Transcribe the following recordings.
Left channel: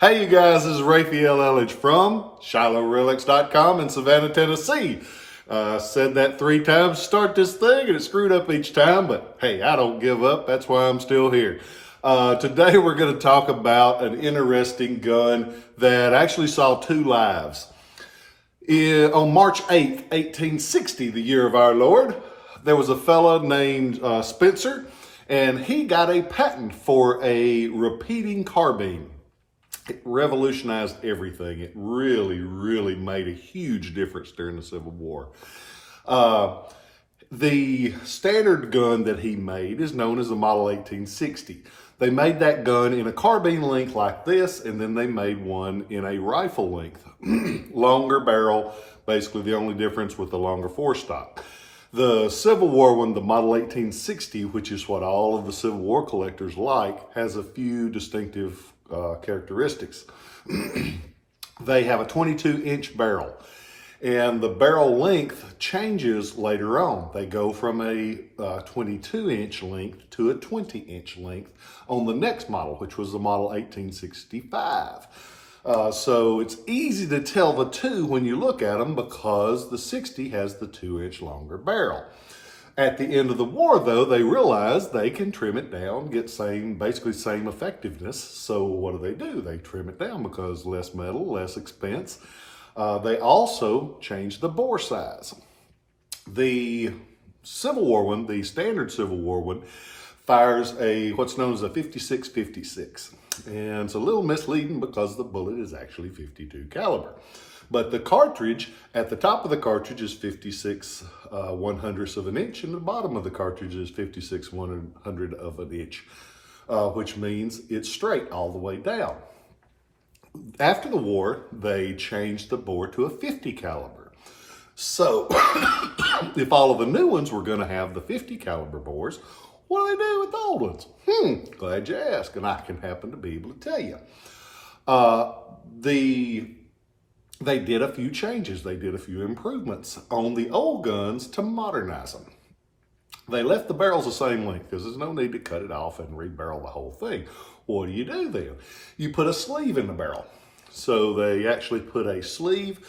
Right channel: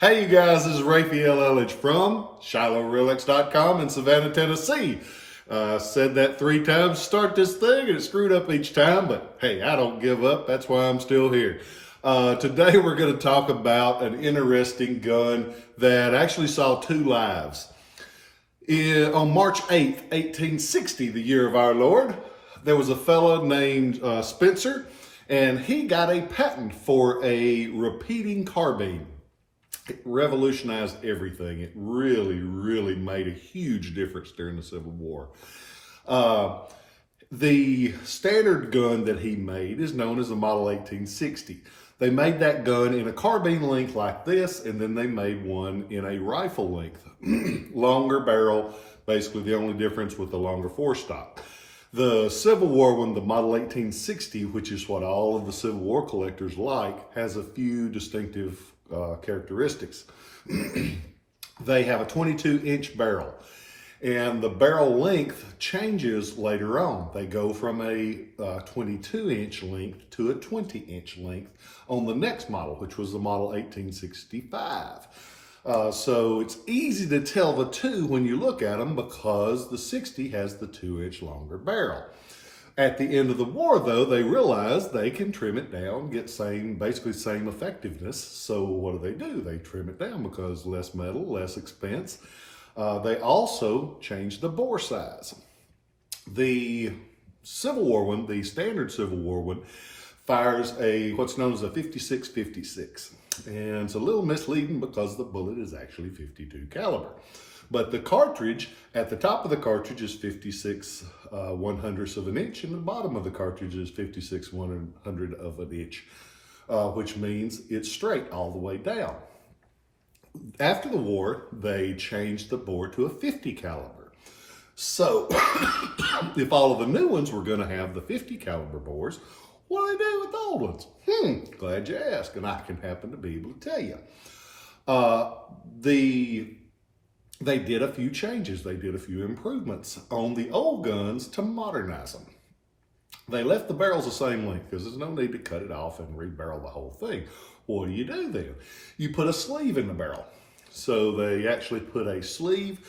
Hey you guys, this is Rafael Eledge from Shiloh in Savannah, Tennessee. Said that 3 times to start this thing and it screwed up each time, but hey, I don't give up. That's why I'm still here. Today we're going to talk about an interesting gun that actually saw 2 lives. On March 8th, 1860, the year of our Lord, there was a fellow named Spencer, and he got a patent for a repeating carbine. It revolutionized everything. It really made a huge difference during the Civil War. The standard gun that he made is known as the Model 1860. They made that gun in a carbine length like this, and then they made one in a rifle length. Longer barrel, basically the only difference with the longer forestock. The Civil War one, the Model 1860, which is what all of the Civil War collectors like, has a few distinctive characteristics. They have a 22-inch barrel, and the barrel length changes later on. They go from a 22-inch length to a 20-inch length on the next model, which was the Model 1865. So it's easy to tell the two when you look at them because the 60 has the 2-inch longer barrel. At the end of the war, though, they realized they can trim it down, get basically same effectiveness. So what do? They trim it down because less metal, less expense. They also changed the bore size. The Civil War one, the standard Civil War one, fires what's known as a 56-56. And it's a little misleading because the bullet is actually 52 caliber. But the cartridge, at the top of the cartridge is 56 1/100ths of an inch, and the bottom of the cartridge is 56 1/100 of an inch, which means it's straight all the way down. After the war, they changed the bore to a 50 caliber. So if all of the new ones were going to have the 50 caliber bores, what do they do with the old ones? Glad you asked, and I can happen to be able to tell you. They did a few changes. They did a few improvements on the old guns to modernize them. They left the barrels the same length because there's no need to cut it off and rebarrel the whole thing. What do you do then? You put a sleeve in the barrel. So they actually put a sleeve,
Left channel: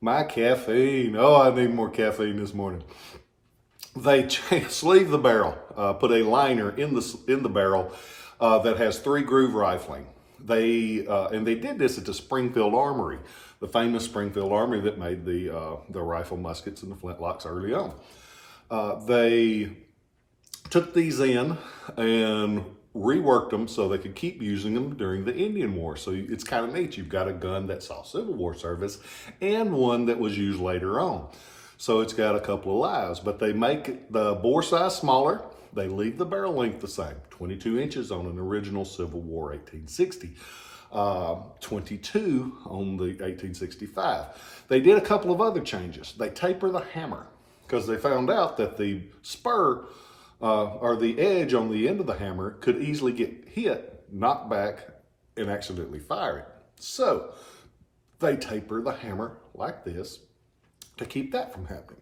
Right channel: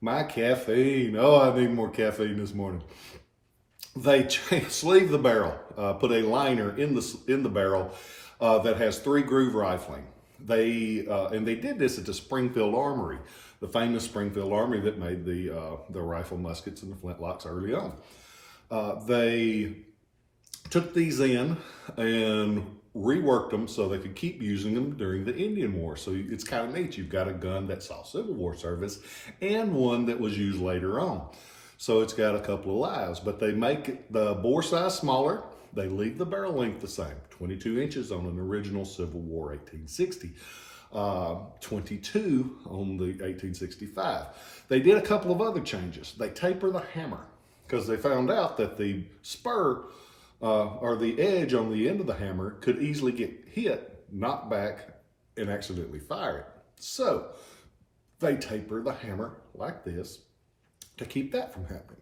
my caffeine. Oh, I need more caffeine this morning. They sleeve the barrel, put a liner in the barrel that has 3 groove rifling. They did this at the Springfield Armory, the famous Springfield Armory that made the rifle muskets and the flintlocks early on. They took these in and reworked them so they could keep using them during the Indian War. So it's kind of neat. You've got a gun that saw Civil War service and one that was used later on. So it's got a couple of lives, but they make the bore size smaller. They leave the barrel length the same, 22 inches on an original Civil War 1860, 22 on the 1865. They did a couple of other changes. They taper the hammer because they found out that the spur or the edge on the end of the hammer could easily get hit, knocked back, and accidentally fire it. So they taper the hammer like this to keep that from happening.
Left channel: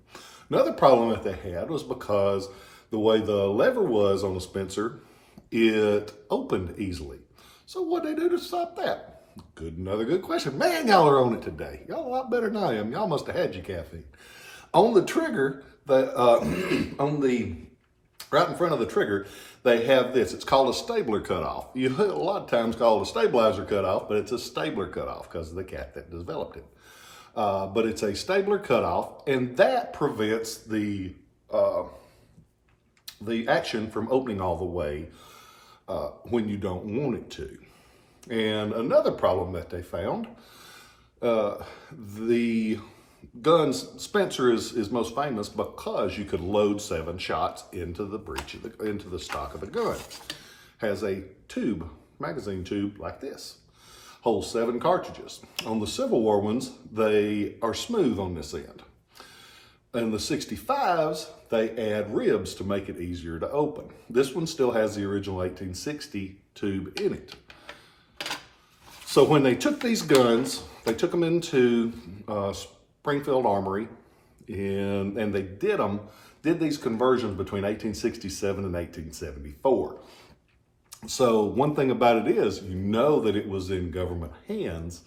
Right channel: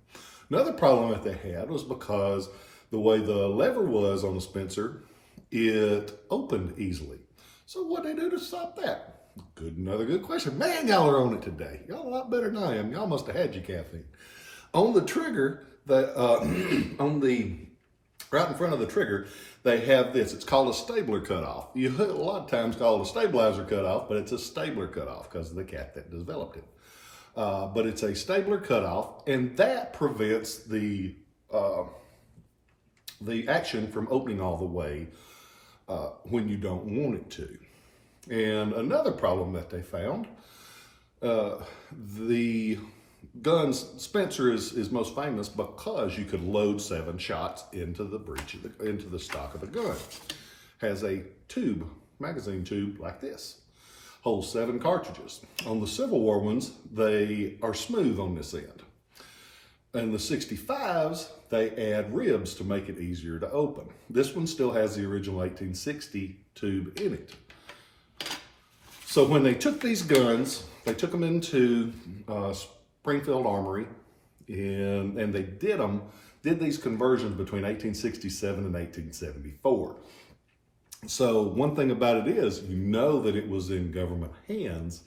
Another problem that they had was because the way the lever was on the Spencer, it opened easily. So what they do to stop that? Another good question. Man, y'all are on it today. Y'all a lot better than I am. Y'all must have had your caffeine. On the trigger, right in front of the trigger, they have this. It's called a stabler cutoff. You a lot of times call it a stabilizer cutoff, but it's a stabler cutoff because of the cat that developed it. But it's a stabler cutoff, and that prevents the action from opening all the way when you don't want it to. And another problem that they found, the gun's Spencer is most famous because you could load 7 shots into the breech into the stock of the gun. Has a tube, magazine tube like this. Holds 7 cartridges. On the Civil War ones, they are smooth on this end. In the 65s, they add ribs to make it easier to open. This one still has the original 1860 tube in it. So when they took these guns, they took them into Springfield Armory, and they did these conversions between 1867 and 1874. So one thing about it is, you know that it was in government hands,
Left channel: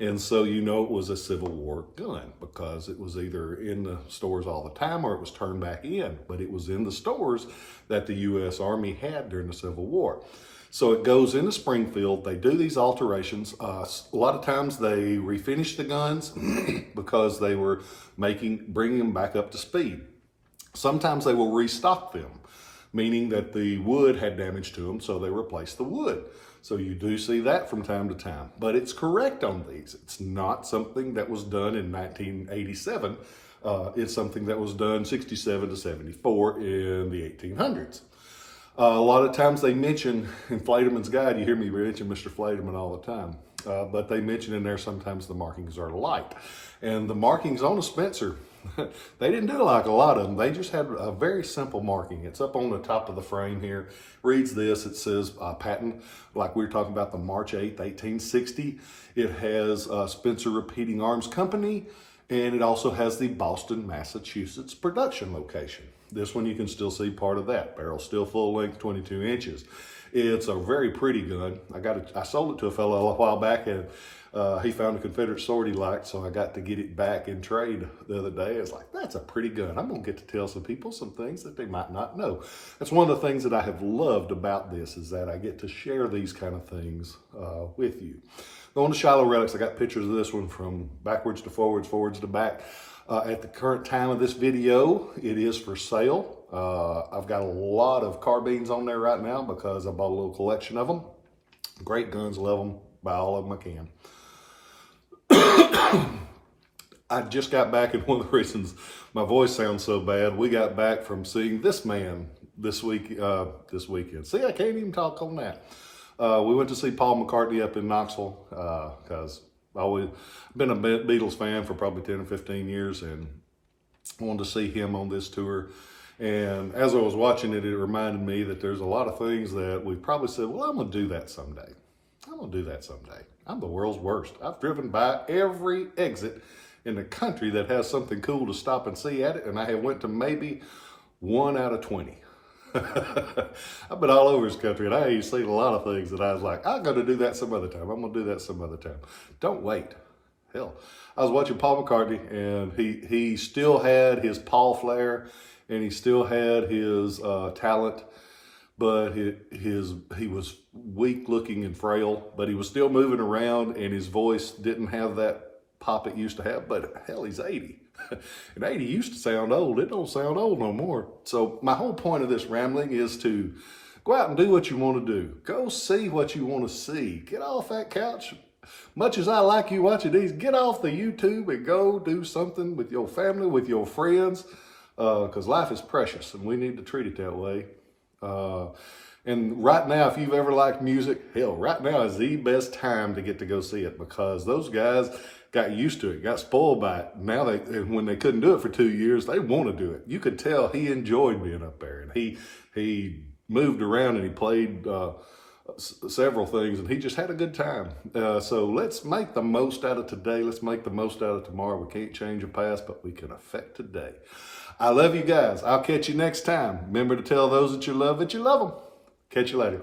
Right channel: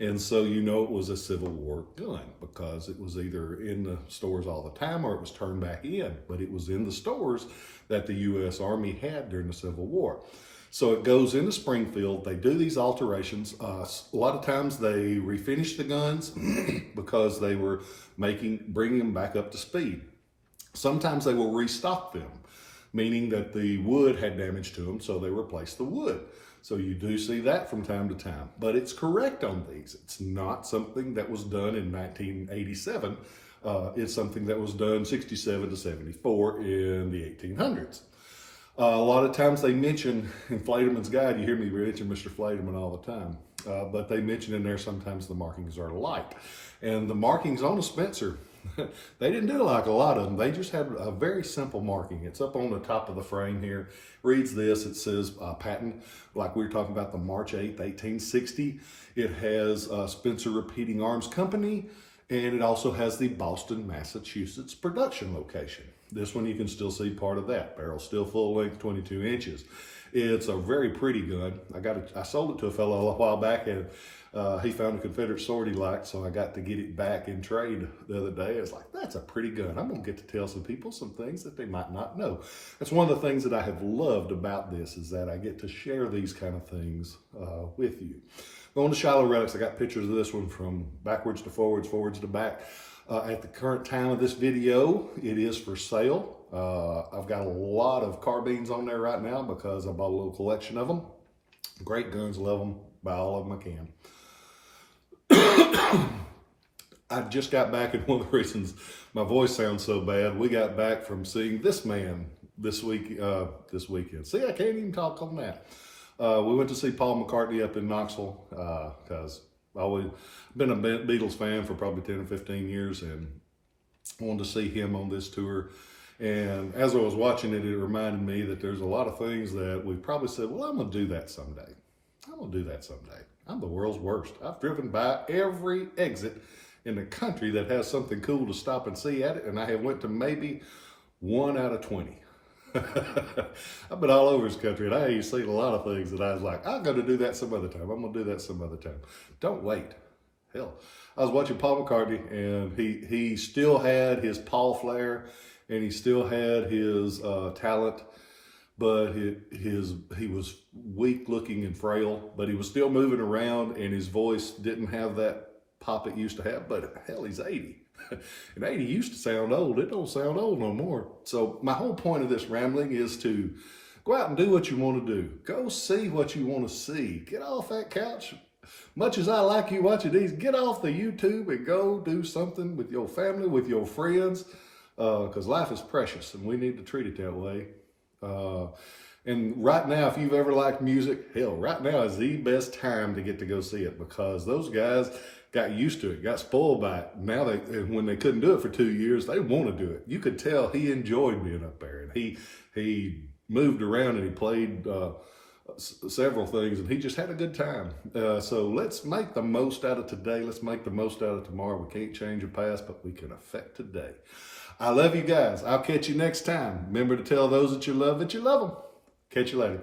and so you know it was a Civil War gun because it was either in the stores all the time or it was turned back in, but it was in the stores that the U.S. Army had during the Civil War. So it goes into Springfield. They do these alterations. A lot of times they refinish the guns because they were bringing them back up to speed. Sometimes they will restock them, meaning that the wood had damage to them, so they replace the wood. So you do see that from time to time, but it's correct on these. It's not something that was done in 1987. It's something that was done 67 to 74 in the 1800s. A lot of times they mention in Flaterman's Guide, you hear me mention Mr. Flaterman all the time, but they mention in there sometimes the markings are alike. And the markings on a Spencer, they didn't do like a lot of them. They just had a very simple marking. It's up on the top of the frame here. Reads this, it says patent, like we were talking about the March 8th, 1860. It has Spencer Repeating Arms Company, and it also has the Boston, Massachusetts production location. This one you can still see part of that. Barrel still full length, 22 inches. It's a very pretty gun. I sold it to a fellow a while back, and he found a Confederate sword he liked, so I got to get it back in trade the other day. I was like, that's a pretty gun. I'm going to get to tell some people some things that they might not know. That's one of the things that I have loved about this, is that I get to share these kind of things with you. Going to Shiloh Relics, I got pictures of this one from backwards to forwards, forwards to back. At the current time of this video, it is for sale. I've got a lot of carbines on there right now because I bought a little collection of them. Great guns, love them, buy all of them I can. I just got back, and one of the reasons my voice sounds so bad, we got back from seeing this man this weekend. See, I can't even talk on that. We went to see Paul McCartney up in Knoxville because I've always been a Beatles fan for probably 10 or 15 years, and wanted to see him on this tour. And as I was watching it, it reminded me that there's a lot of things that we probably said, well, I'm going to do that someday. I'm going to do that someday. I'm the world's worst. I've driven by every exit in the country that has something cool to stop and see at it, and I have went to maybe 1 out of 20. I've been all over this country, and I ain't seen a lot of things that I was like, I'm going to do that some other time. I'm going to do that some other time. Don't wait. Hell, I was watching Paul McCartney, and he still had his Paul flair, and he still had his talent, but he was weak looking and frail, but he was still moving around, and his voice didn't have that pop it used to have. But hell, he's 80. And 80 used to sound old. It don't sound old no more. So my whole point of this rambling is to go out and do what you want to do. Go see what you want to see. Get off that couch. Much as I like you watching these, get off the YouTube and go do something with your family, with your friends, because life is precious and we need to treat it that way. And right now, if you've ever liked music, hell, right now is the best time to get to go see it, because those guys got used to it, got spoiled by it. Now, when they couldn't do it for 2 years, they want to do it. You could tell he enjoyed being up there, and he moved around and he played several things, and he just had a good time. So let's make the most out of today. Let's make the most out of tomorrow. We can't change the past, but we can affect today. I love you guys. I'll catch you next time. Remember to tell those that you love them. Catch you later.